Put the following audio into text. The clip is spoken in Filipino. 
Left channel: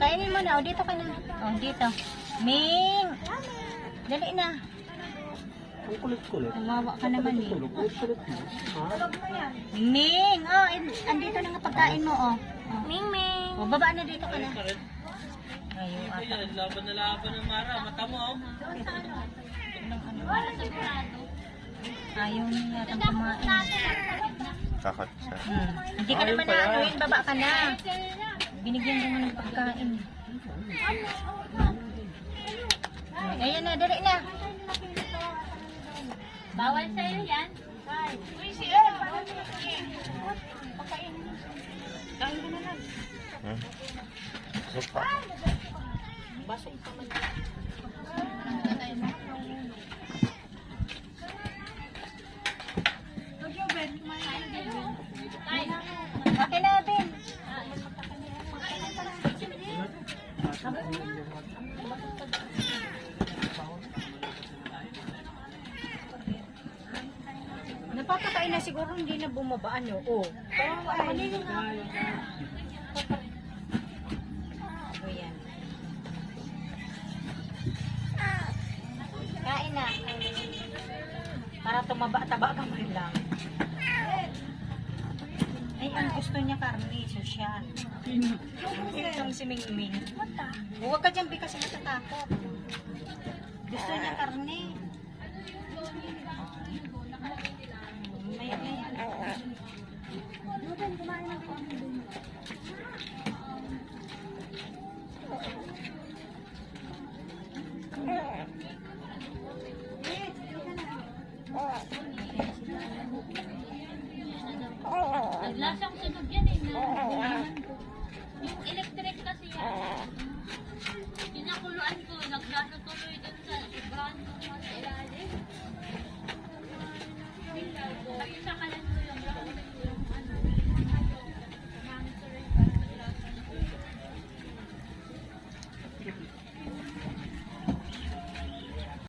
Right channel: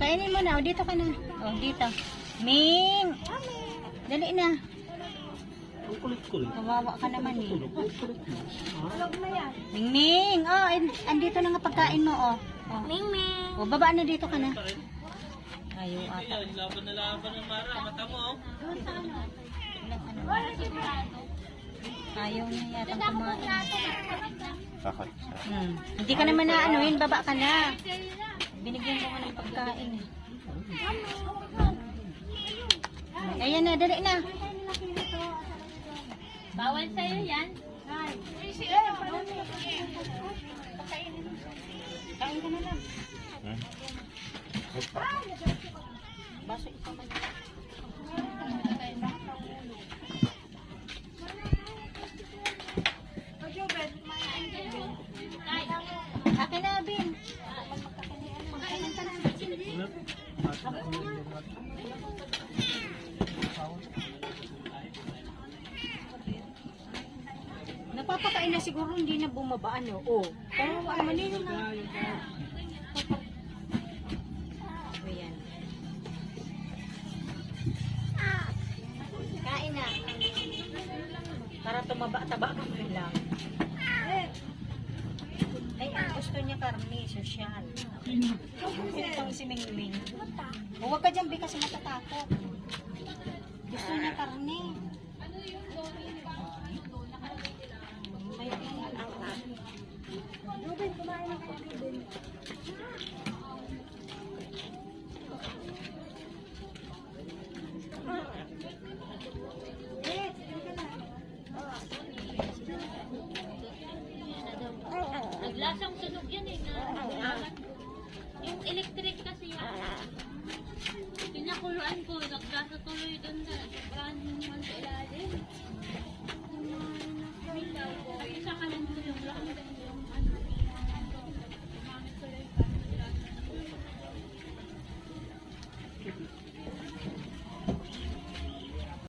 Kainin mo na. O, dito ka na. O, dito. Ming! Dali na. Ang kulit-kulit. Kawawa ka naman eh. Tulog mo. Ming Ming! Oh, andito na nga pagkain mo, oh. Ming Ming. O, baba na dito ka na. Ayaw ata. Laban na laban ng Mara. Mata mo, oh. Ayaw niya yata kumain. Takot siya. Hindi ka naman na anuin, baba ka na. Binigyan naman ng pagkain. Ayan na, dali na. Bawal sa'yo yan. Kain ka na lang. Basta ipaman na. Akin na din. Napapakain na siguro, hindi na bumaba, ano? Oh. Pero wala na. O yan. Kain na. Para tumaba-taba ka mo rin lang. Ay, ang gusto niya karne, social. Itong si Ming Ming. Huwag ka dyan, Bi, kasi natatakot. Gusto niya karne. Naglasang sunog yan eh. Yung electric kasi yan.